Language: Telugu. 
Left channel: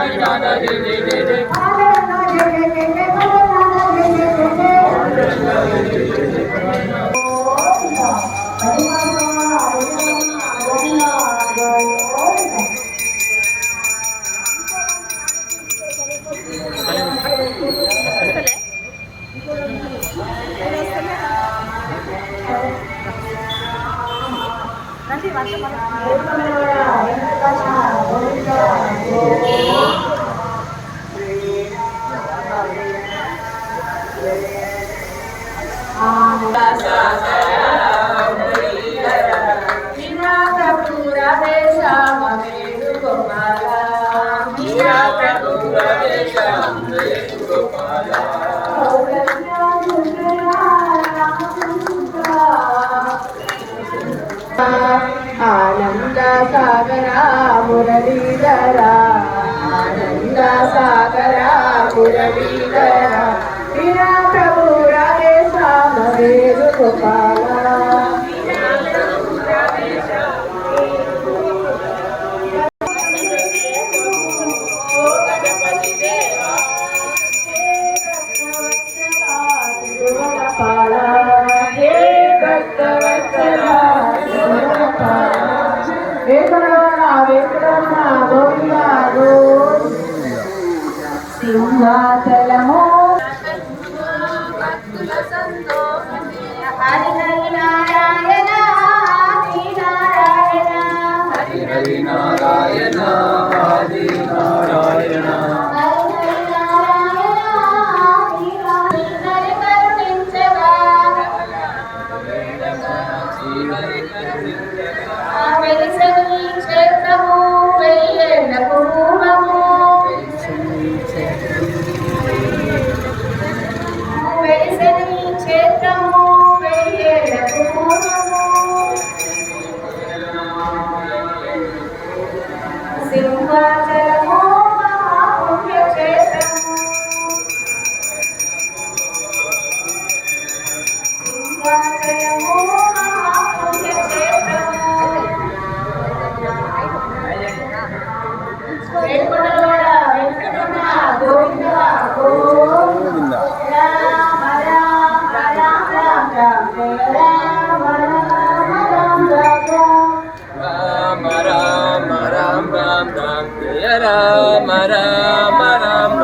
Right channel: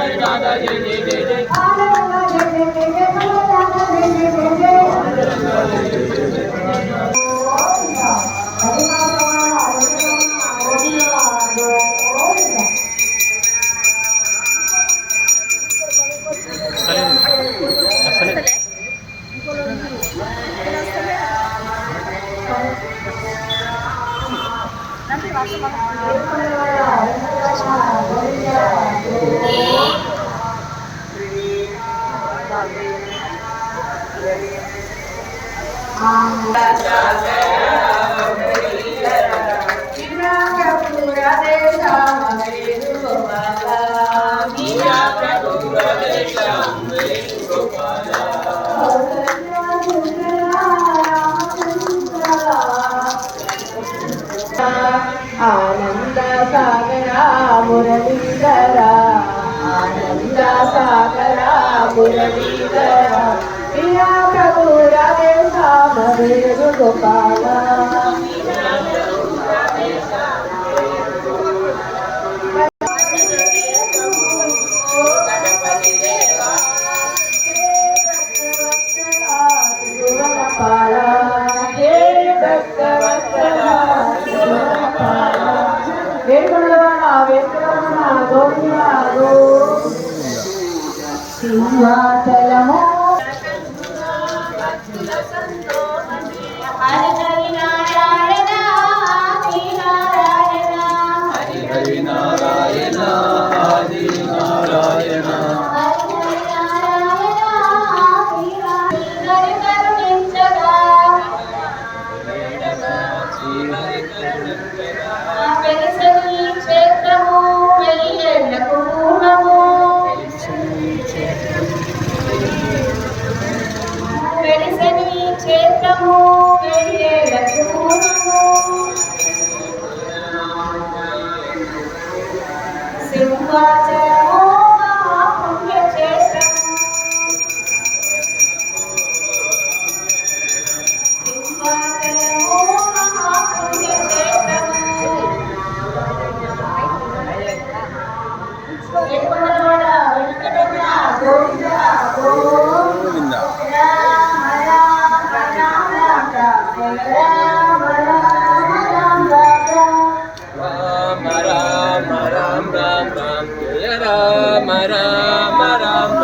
राधा जय जय जय जय आनंद सागरा मुरलीधरा आनंद सागरा मुरलीधरा मीरा प्रभु राधे श्याम वेणुगोपाला సింహాచలము భక్తుల సంతోషమే హరి హరి నారాయణ ఆది నారాయణ హరి హరి నారాయణ ఆది నారాయణ క్షేత్రము వెయ్యేళ్లకు పూర్వము వెలిసెను ఈ క్షేత్రము వెయ్యేళ్లకు పూర్వము సింహాచలము మహాపుణ్యక్షేత్రము సింహాచలము మహాపుణ్యక్షేత్రము వేడుకొండలవాడ వెంకటరమణ గోవింద గోవింద రామ రామ రామ రామ రామ జయ రామ రామ రామ రామ